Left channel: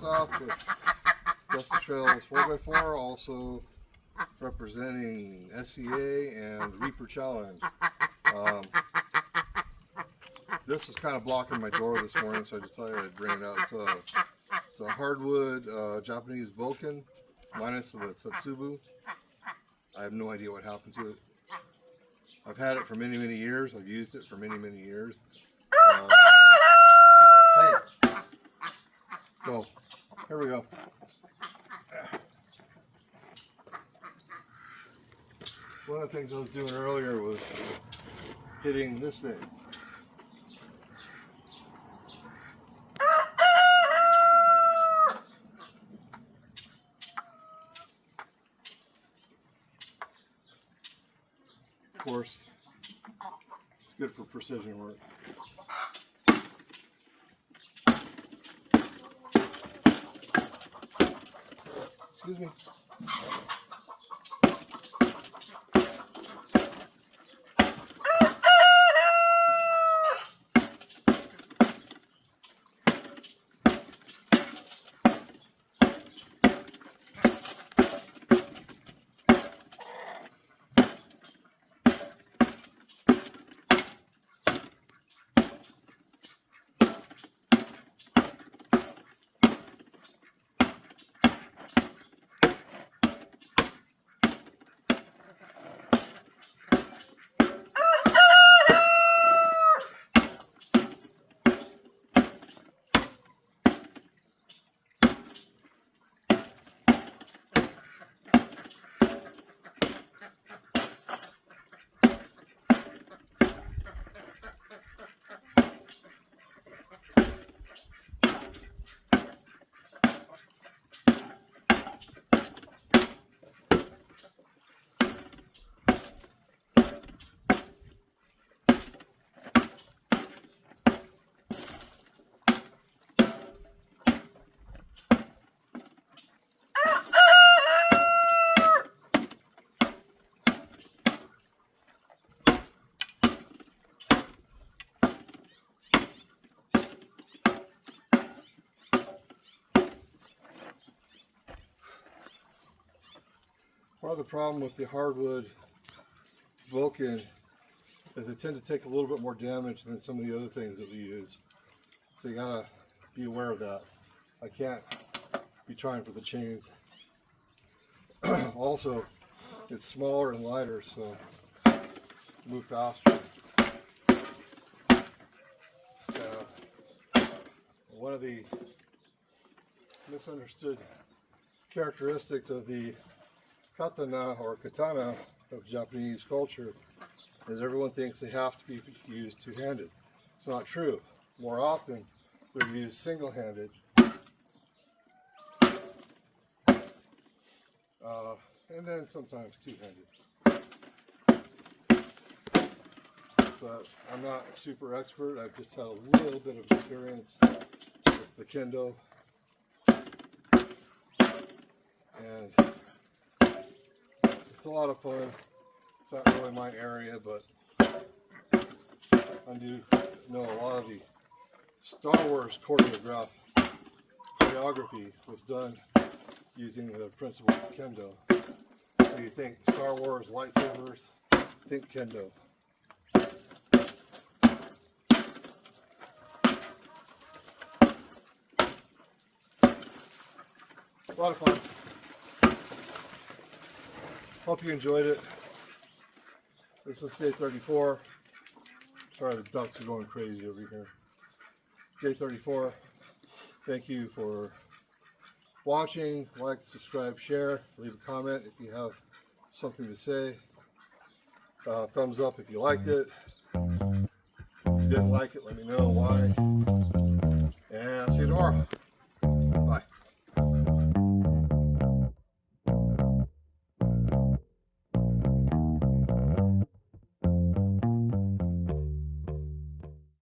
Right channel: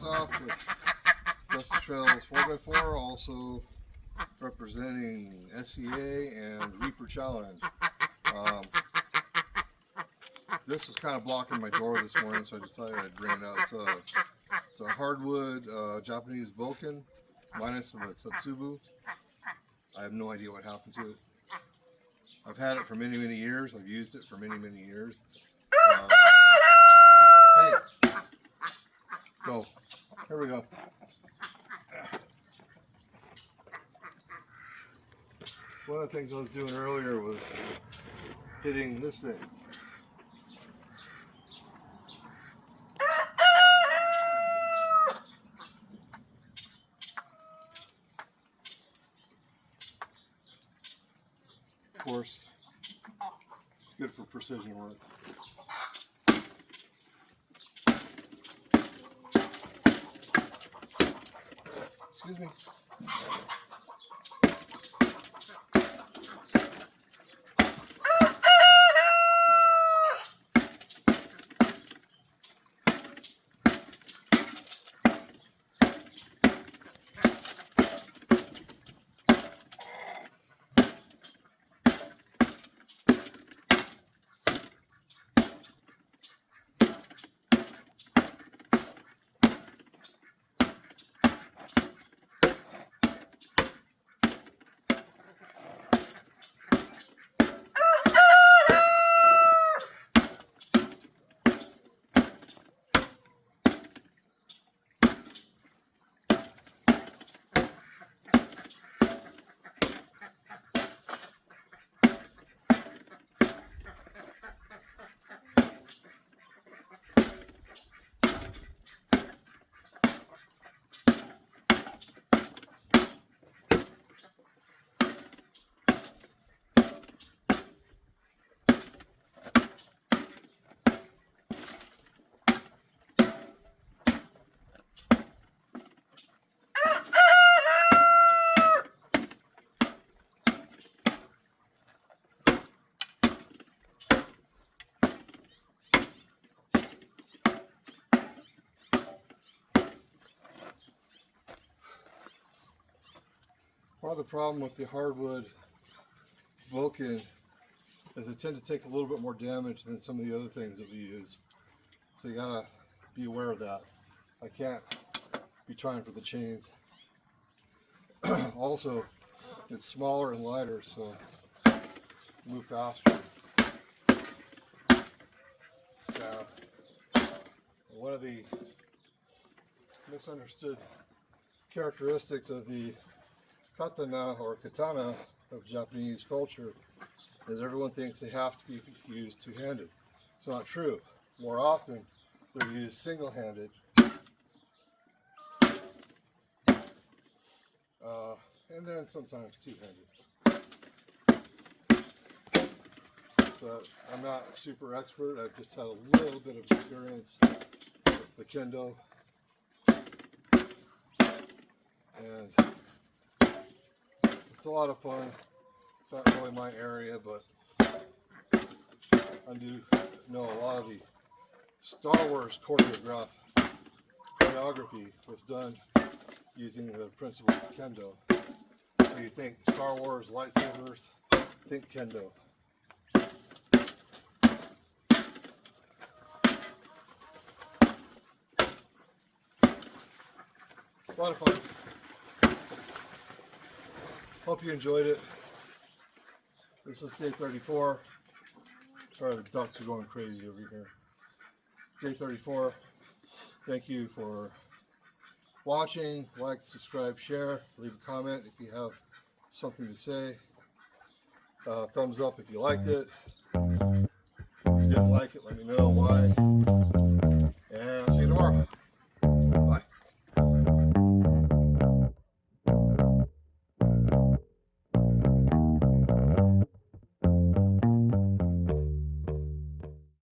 stop with Dusty Trails 4x4, also representing SCA and Reaper Challenge. This was kind of blocking my door this morning, so I decided I'd bring it out. It's a hardwood Japanese Vulcan, minus the Tatsubu. I have no idea what happened to it. I've had it for many, many years. I've used it for many, many years. Hey! So, here we go. One of the things I was doing earlier was hitting this thing. Of course, it's good for precision work. Excuse me. Part of the problem with the hardwood Vulcan is they tend to take a little bit more damage than some of the other things that we use. So you gotta be aware of that. I can't be trying for the chains. Also, it's smaller and lighter, so move faster. One of the misunderstood characteristics of the katana or katana of Japanese culture is everyone thinks they have to be used two-handed. It's not true. More often, they're used single-handed. And then sometimes two-handed. But I'm not a super expert. I've just had a little bit of experience with the kendo. And it's a lot of fun. It's not really my area, but I do know a lot of the Star Wars choreography was done using the principle of kendo. So you think Star Wars lightsabers, think kendo. A lot of fun. Hope you enjoyed it. This is day 34. Sorry, the ducks are going crazy over here. Day 34. Thank you for watching. Like, subscribe, share, leave a comment if you have something to say. Thumbs up if you liked it. If you didn't like it, let me know why.